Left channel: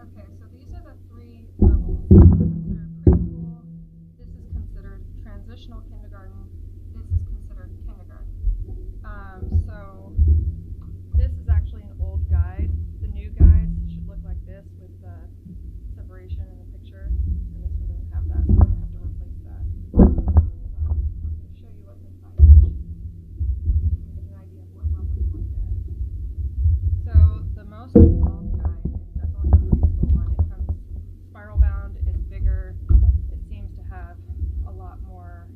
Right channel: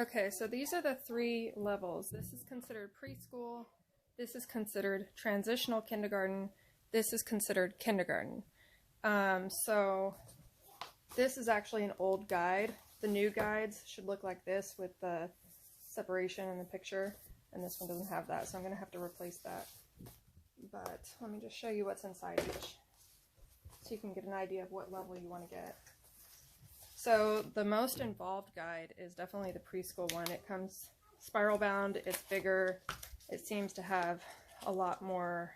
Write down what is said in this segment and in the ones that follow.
Okay, so these are the 3 levels. This is considered preschool, this is considered transitional kindergarten, this is considered kindergarten. So this is actually an old guide. The new guides should look like this with the separation in the picture, and this one doesn't have that, so I'm going to have to replace that. But let me just show you what's inside each, so you can get an idea of what level you want to get. So the most involved guide is definitely the preschool one. It comes spiral bound, it's bigger, it seems to have a lot more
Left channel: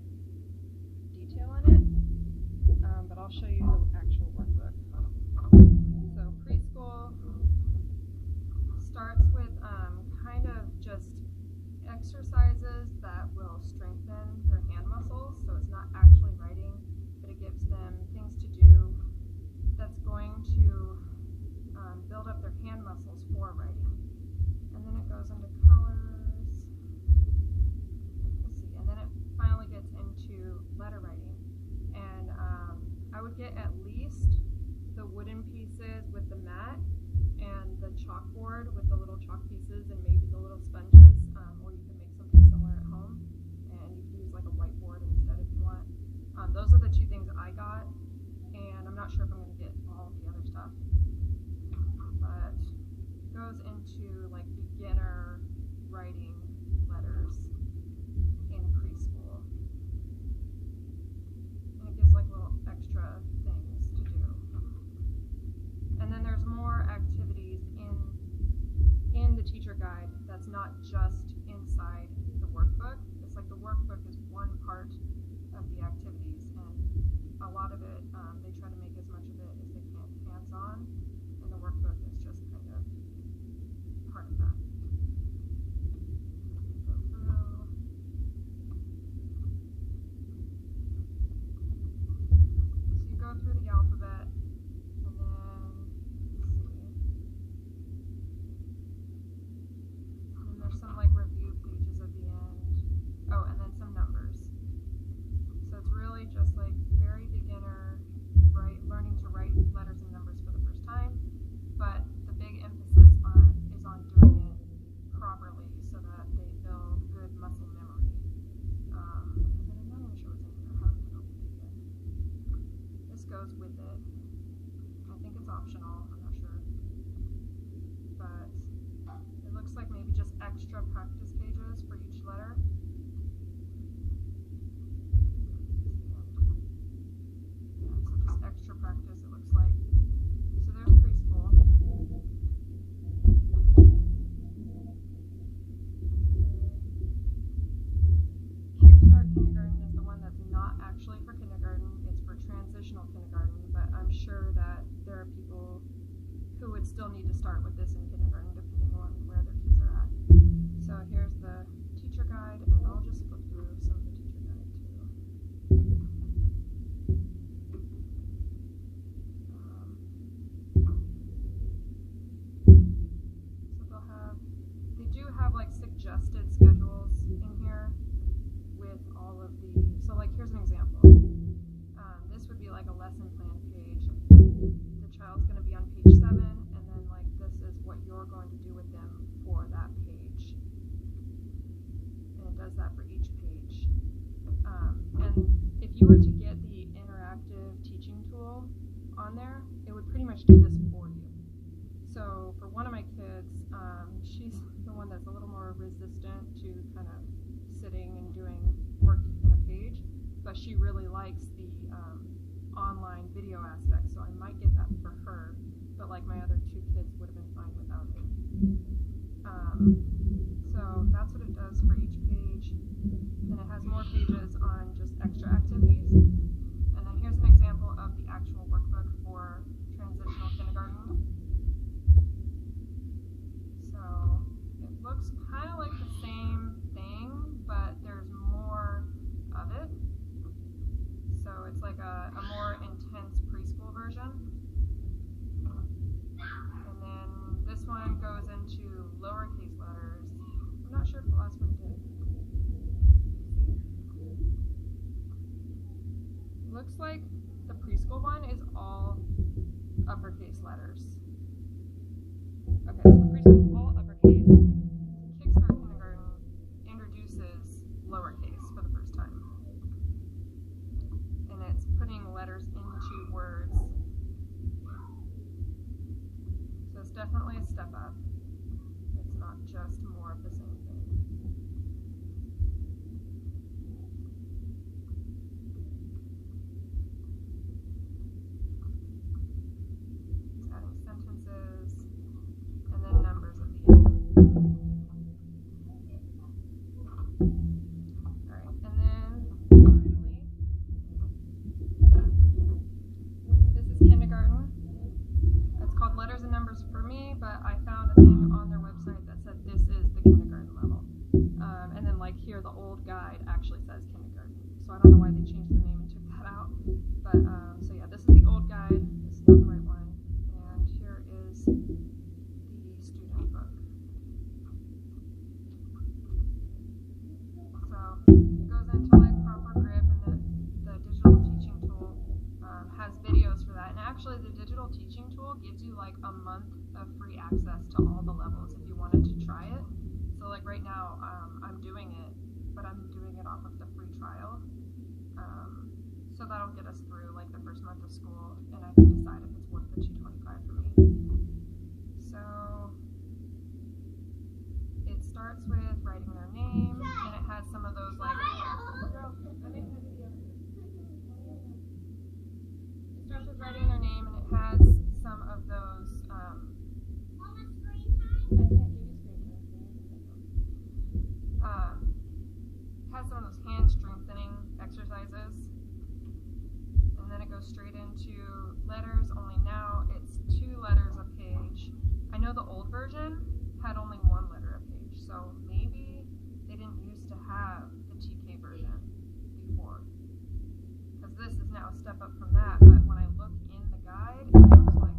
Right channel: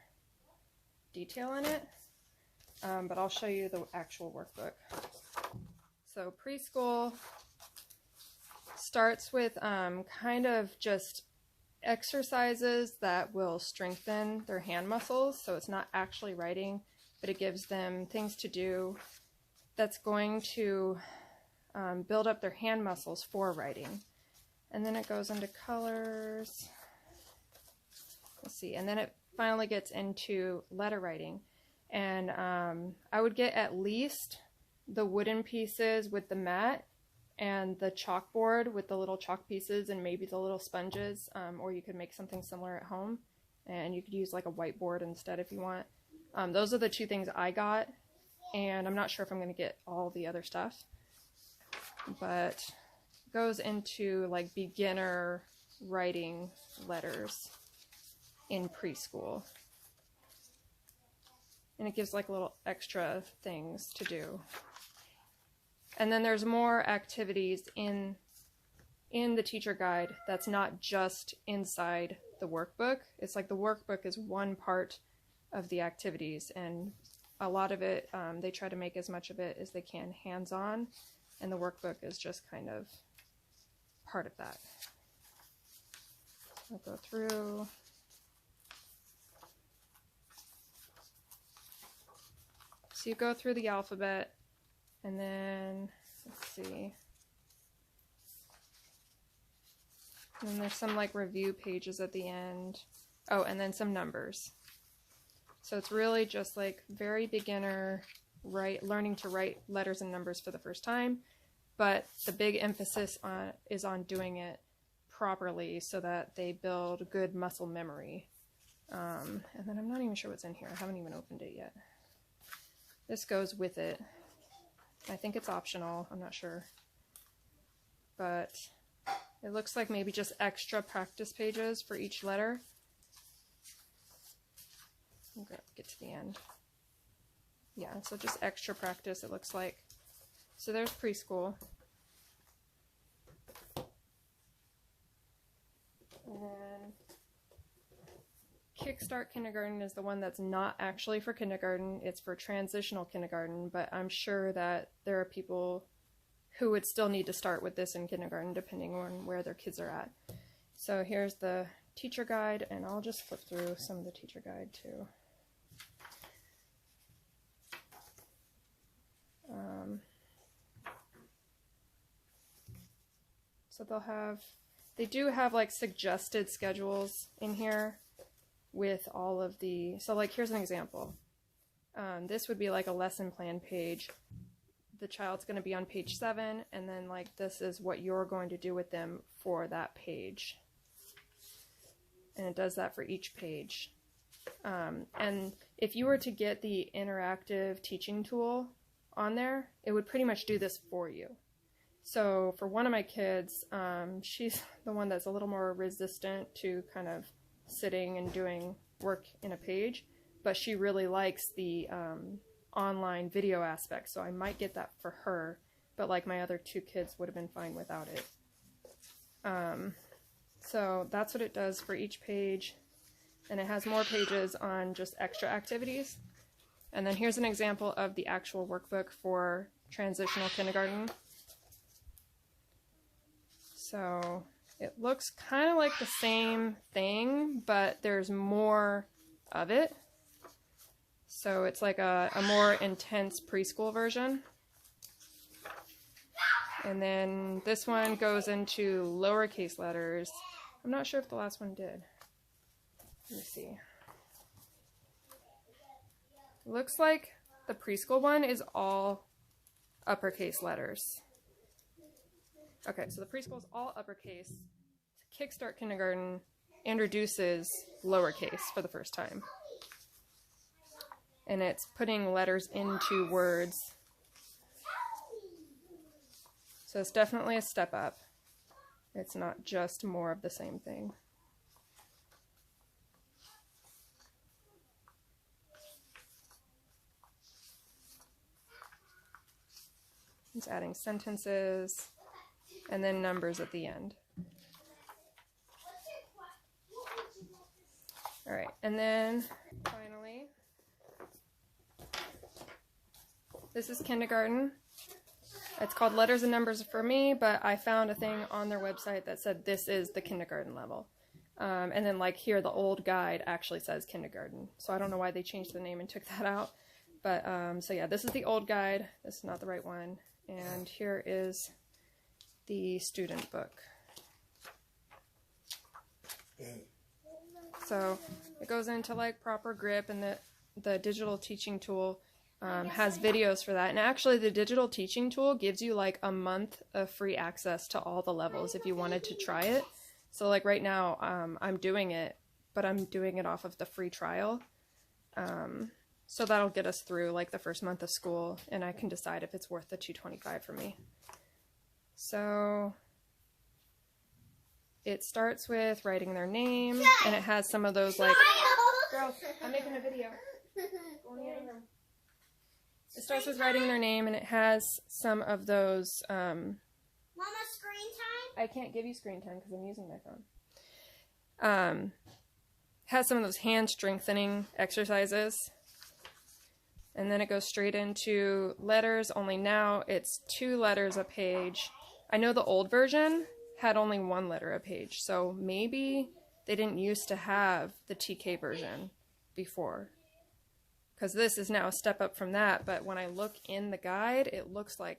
detail in it, but I'll show you the actual workbook. So preschool starts with kind of just exercises that will strengthen their hand muscles, so it's not actually writing, but it gives them things to do that's going to build up their hand muscles for writing. And then it goes into colors, let's see, and then it finally gets into letter writing. And I would get at least the wooden pieces with the mat and the chalkboard with the little chalk pieces and maybe the little sponges, or you could make something similar at home, and you could use like a whiteboard instead if you want. Those are the 2 things I got, and I'm not sure if I'm going to get all the other stuff, but goes into like beginner writing letters in preschool, and it gives like little extra things to do. And then there's more activities in the teacher guide that's not just inside the workbook. It's like the workbook is one part of the activities, and a lot of it, they try to make as much of it as they can hands-on, and the workbook is just kind of part of that. I'll go through. So you go through the alphabet, and then, let's see, and then there's some like review pages at the end. Oh, and then some numbers. So it's really just like very beginner, learning to write letters and numbers for the first time, but the big emphasis is on doing it properly so that they build good muscle memory. And then I'm not even sure what's in here. I haven't even opened it yet. This goes with it. I think it's optional, I'm not sure. But it looks like maybe just extra practice pages for each letter. I'm gonna get to the end. Yeah, so just extra practice, it looks like. So there's preschool. Kickstart Kindergarten is the one that's not actually for kindergarten, it's for transitional kindergarten, but I'm sure that there are people who would still need to start with this in kindergarten depending on where their kids are at. So here's the teacher guide, and I'll just flip through some of the teacher guide too. So they do have like suggested schedules in here with all of the, so like here's an example. This would be like a lesson plan page. The child's going to be on page 7, and then like this is what you're going to do with them for that page. And it does that for each page. And if you were to get the interactive teaching tool on there, it would pretty much do this for you. So for one of my kids, she's the one that's a little more resistant to kind of sitting and doing work in a page, but she really likes the online video aspect, so I might get that for her, but like my other 2 kids would have been fine without it. So that's what it does for each page, and it has more pages on just extra activities. And then here's an example of the actual workbook for transitional kindergarten. So it looks kind of like the same thing, but there's more of it. So it's like a more intense preschool version. And then this one goes into lowercase letters. I'm not sure if the last one did. Let me see. Looks like the preschool one is all uppercase letters. Okay, so the preschool is all uppercase. introduces lowercase for the first time. And it's putting letters into words. So it's definitely a step up. It's not just more of the same thing. It's adding sentences and then numbers at the end. All right, and then finally, this is kindergarten. It's called Letters and Numbers for me, but I found a thing on their website that said this is the kindergarten level. And then like here, the old guide actually says kindergarten. So I don't know why they changed the name and took that out. But so yeah, this is the old guide. This is not the right one. And here is the student book. So it goes into like proper grip, and the digital teaching tool has videos for that. And actually the digital teaching tool gives you like a month of free access to all the levels if you wanted to try it. So like right now I'm doing it, but I'm doing it off of the free trial. So that'll get us through like the first month of school, and I can decide if it's worth the $225 for me. So it starts with writing their name, and it has some of those like, girls, I'm making a video. It starts with writing their name, and it has some of those, Mama, screen time? I can't give you screen time because I'm using my phone. Has some of those hand strengthening exercises. And then it goes straight into letters, only now it's 2 letters a page. I know the old version had only 1 letter a page, so maybe they didn't used to have the TK version before. Because this is now a step up from that, but when I look in the guide, it looks like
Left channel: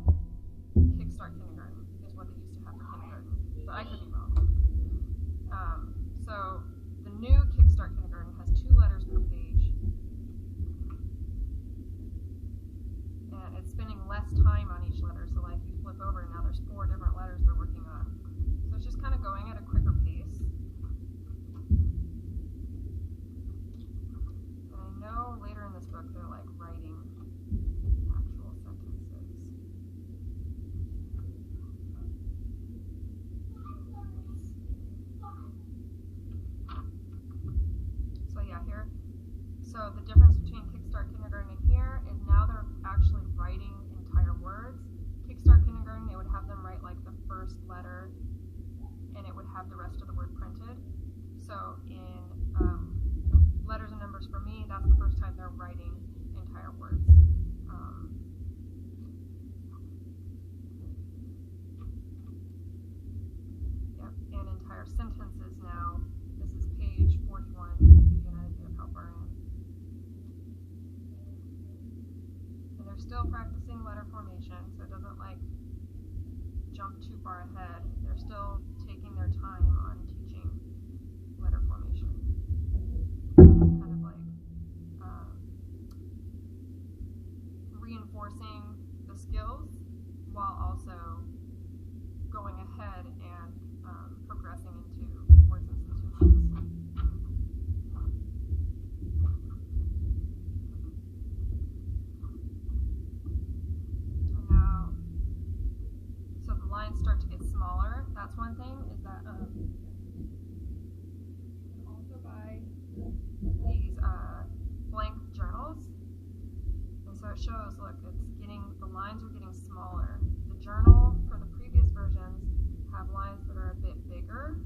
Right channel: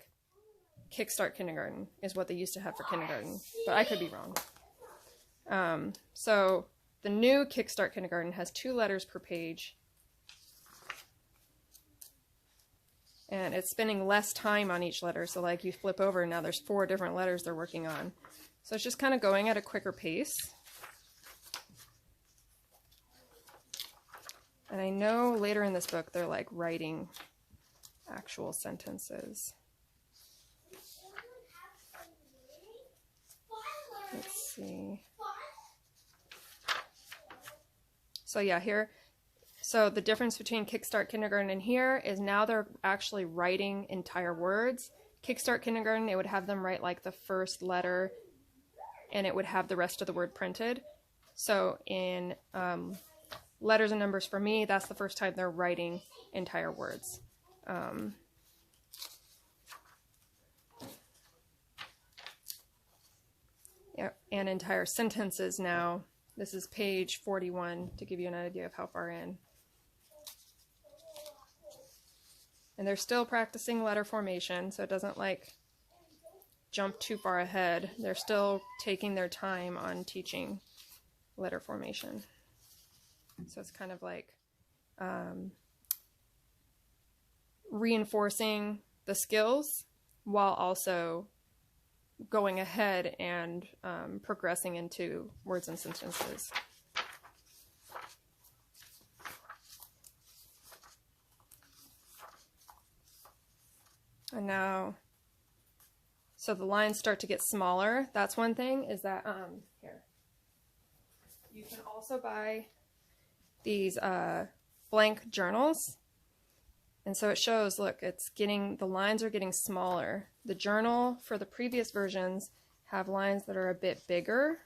Kickstart Kindergarten is what they used to have for kindergarten, but I could be wrong. So the new Kickstart Kindergarten has 2 letters per page, and it's spending less time on each letter. So like you flip over and now there's 4 different letters they're working on. So it's just kind of going at a quicker pace. And I know later in this book they're like writing actual sentences. Let's see. So yeah, here. So the difference between Kickstart Kindergarten and here is now they're actually writing entire words. Kickstart Kindergarten, it would have them write like the first letter, and it would have the rest of the word printed. So in Letters and Numbers for me, that's the first time they're writing entire words. Yeah, and entire sentences now. This is page 41 to give you an idea of how far in. And they're still practicing letter formation, so it doesn't like jump too far ahead. They're still taking their time on teaching letter formation. So it's kind of like reinforcing the skills while also going ahead and progressing into words and sentences. And now, so the lines start to get smaller. That's one thing, is that, here. You can also buy these blank journals. And so it shows, look, it's getting, the lines are getting smaller. The journal for the previous versions have lines that are a bit bigger,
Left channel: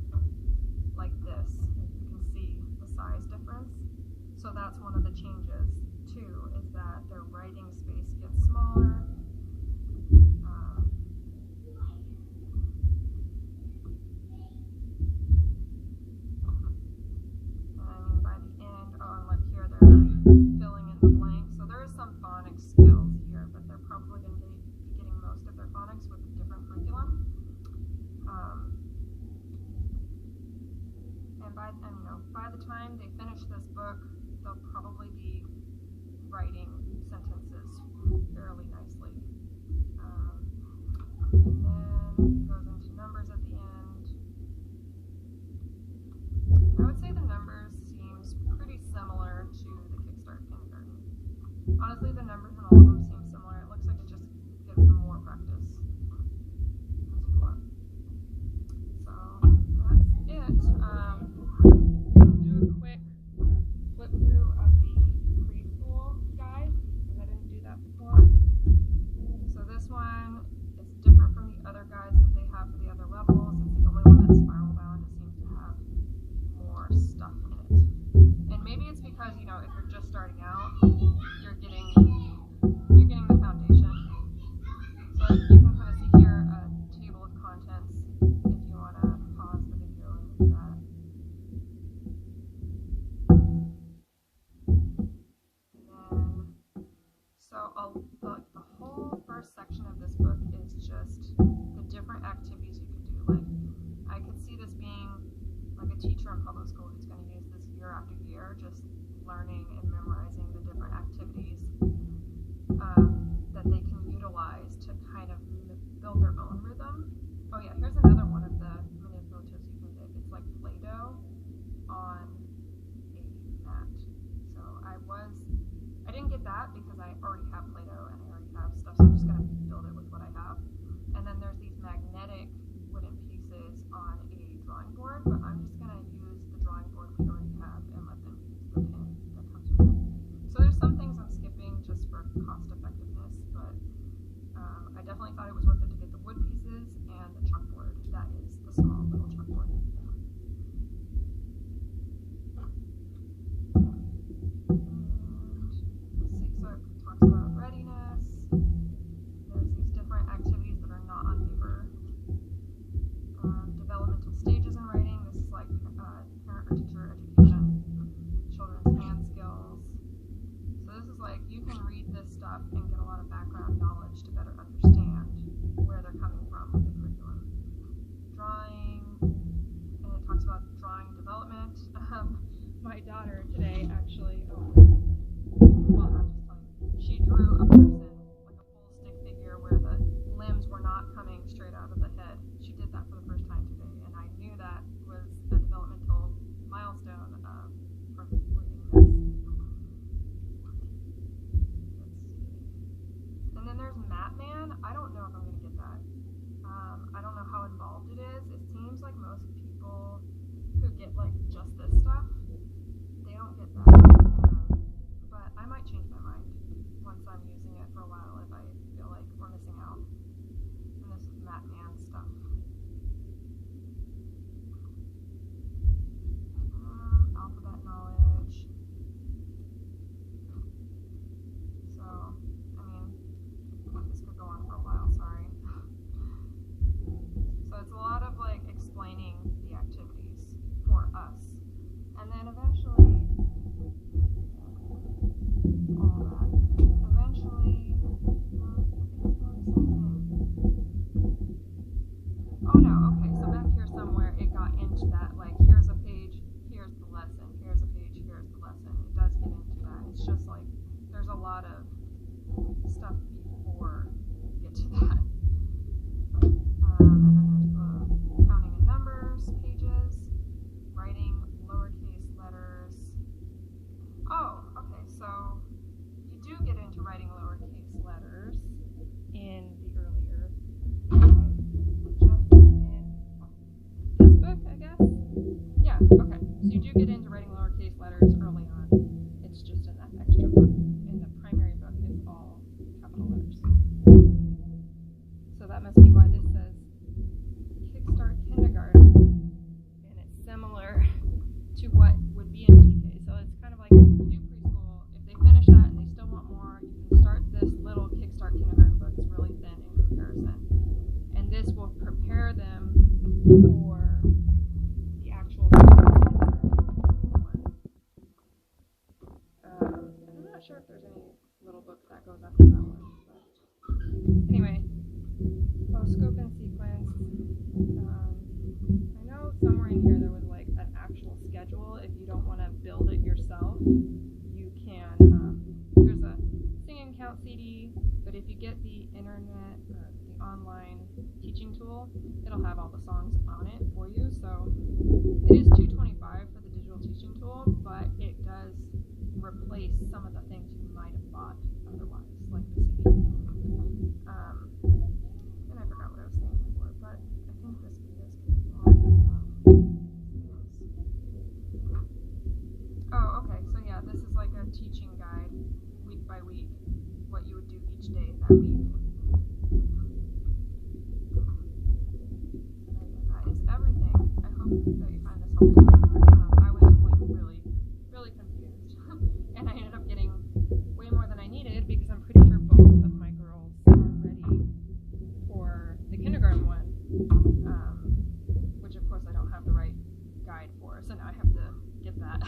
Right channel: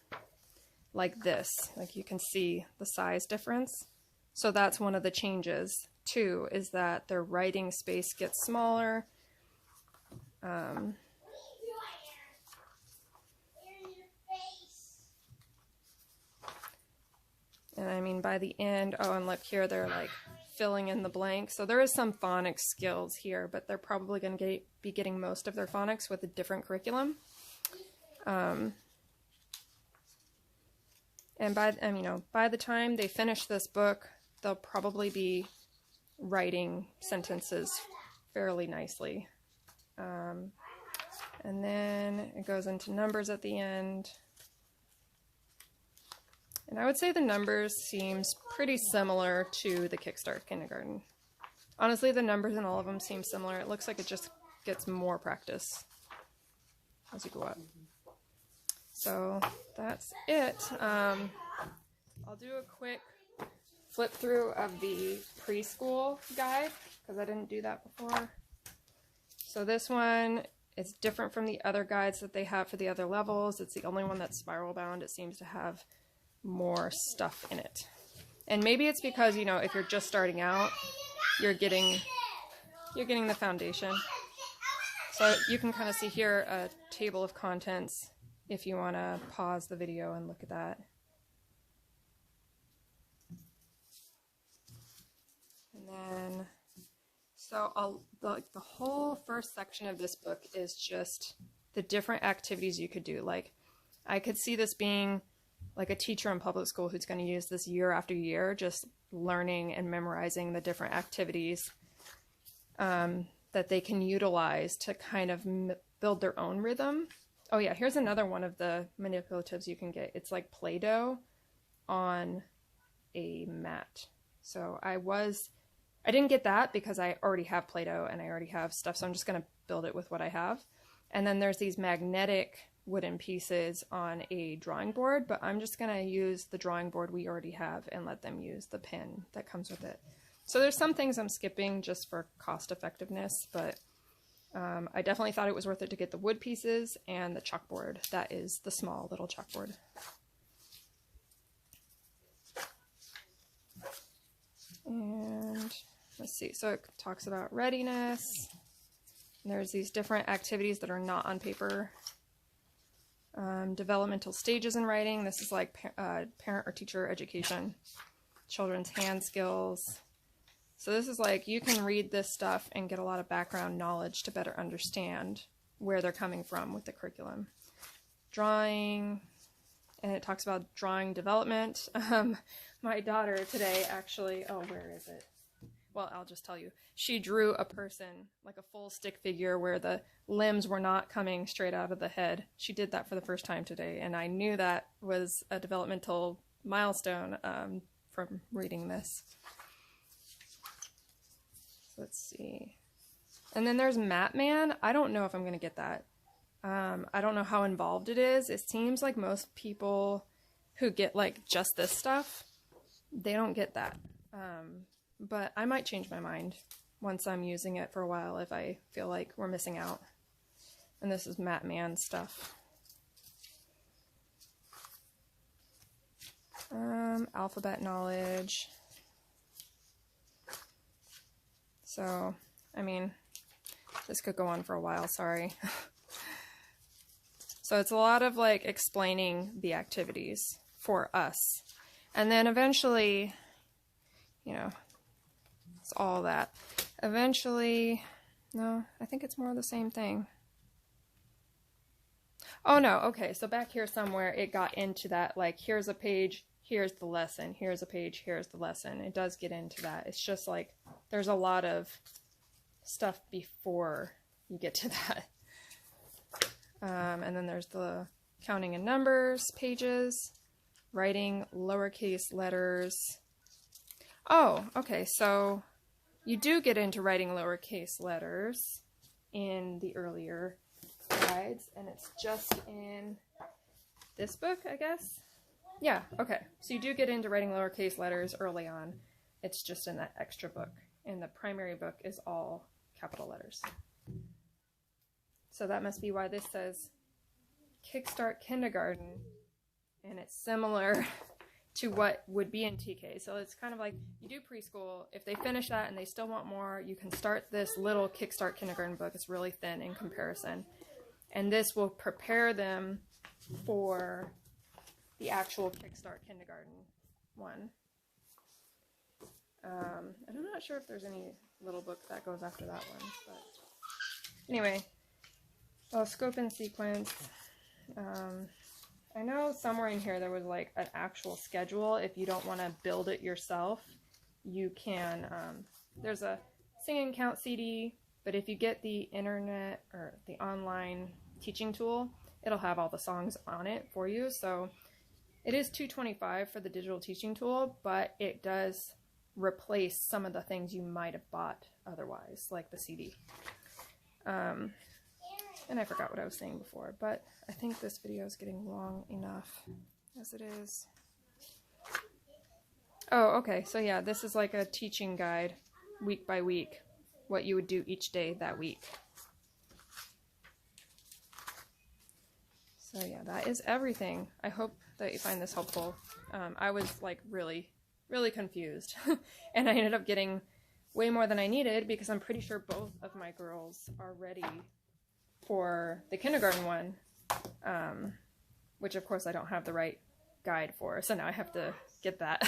like this. Like you can see the size difference. So that's one of the changes too, is that their writing space gets smaller. And I mean, by the end, oh, and look here, they're like filling in the blank. So there is some phonics skills here, but they're probably going to be getting most of their phonics with a different curriculum. And by the time they finish this book, they'll probably be writing sentences fairly nicely. And then it goes into numbers at the end. And I would say the numbers seems pretty similar to the Kickstart Kindergarten. Honestly, the numbers in all of them seem similar. It looks like it just gets more practice as you go up. So that's it. I'll do a quick flip through of the preschool guide because I didn't do that before. So this one is different from the other guides that they have for the other levels. It's the only one that's spiral bound. It seems to have more stuff in it. And maybe it's because, you know, if you're just starting out, you're getting the foundation. So you can kind of see here a table of contents if you want to pause the video and look at that. And then, so the whole first section of this book is just the different activities you could do. Like, I could see this being like a teacher in public school who's going to use this year after year, just learning and memorizing the different activities that they can utilize to kind of build their own rhythm. Oh yeah, here's another one of the manipulatives you can get. It's like Play-Doh on a mat. So I didn't get that because I already have Play-Doh and I already have stuff, so I'm just gonna build it with what I have. And then there's these magnetic wooden pieces on a drawing board, but I'm just gonna use the drawing board we already have and let them use the pen that comes with it. So there's some things I'm skipping just for cost effectiveness, but I definitely thought it was worth it to get the wood pieces and the chalkboard. That is the small little chalkboard. And let's see, so it talks about readiness. There's these different activities that are not on paper. Developmental stages in writing. This is like parent or teacher education. Children's hand skills. So this is like, you can read this stuff and get a lot of background knowledge to better understand where they're coming from with the curriculum. Drawing, and it talks about drawing development. My daughter today actually, oh, where is it? Well, I'll just tell you. She drew a person, like a full stick figure where the limbs were not coming straight out of the head. She did that for the first time today, and I knew that was a developmental milestone from reading this. Let's see. And then there's Map Man. I don't know if I'm going to get that. I don't know how involved it is. It seems like most people who get like just this stuff, they don't get that. But I might change my mind once I'm using it for a while if I feel like we're missing out. And this is Map Man stuff. Alphabet knowledge. So, I mean, this could go on for a while, sorry. So it's a lot of like explaining the activities for us. And then eventually, you know, it's all that. Eventually, no, I think it's more the same thing. Oh no, okay, so back here somewhere it got into that, like here's a page, here's the lesson, here's a page, here's the lesson. It does get into that. It's just like, there's a lot of stuff before you get to that. And then there's the counting in numbers pages, writing lowercase letters. Oh, okay, so you do get into writing lowercase letters in the earlier guides, and it's just in this book, I guess? Yeah, okay, so you do get into writing lowercase letters early on. It's just in that extra book, and the primary book is all capital letters. So that must be why this says Kickstart Kindergarten, and it's similar to what would be in TK. So it's kind of like, you do preschool, if they finish that and they still want more, you can start this little Kickstart Kindergarten book. It's really thin in comparison. And this will prepare them for the actual Kickstart Kindergarten one. And I'm not sure if there's any little book that goes after that one, but anyway, well, scope and sequence. I know somewhere in here there was like an actual schedule. If you don't want to build it yourself, you can, there's a sing and count CD But if you get the internet or the online teaching tool, it'll have all the songs on it for you. So it is $225 for the digital teaching tool, but it does replace some of the things you might have bought otherwise, like the CD. And I forgot what I was saying before, but I think this video is getting long enough as it is. Oh, okay, so yeah, this is like a teaching guide, week by week, what you would do each day that week. So yeah, that is everything. I hope that you find this helpful. I was like really confused, and I ended up getting way more than I needed because I'm pretty sure both of my girls are ready for the kindergarten one, which of course I don't have the right guide for, so now I have to get that.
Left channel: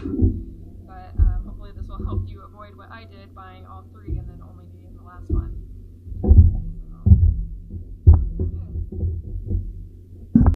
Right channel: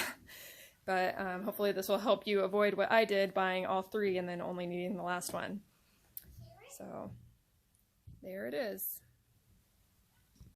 But hopefully this will help you avoid what I did, buying all three and then only needing the last one. So there it is.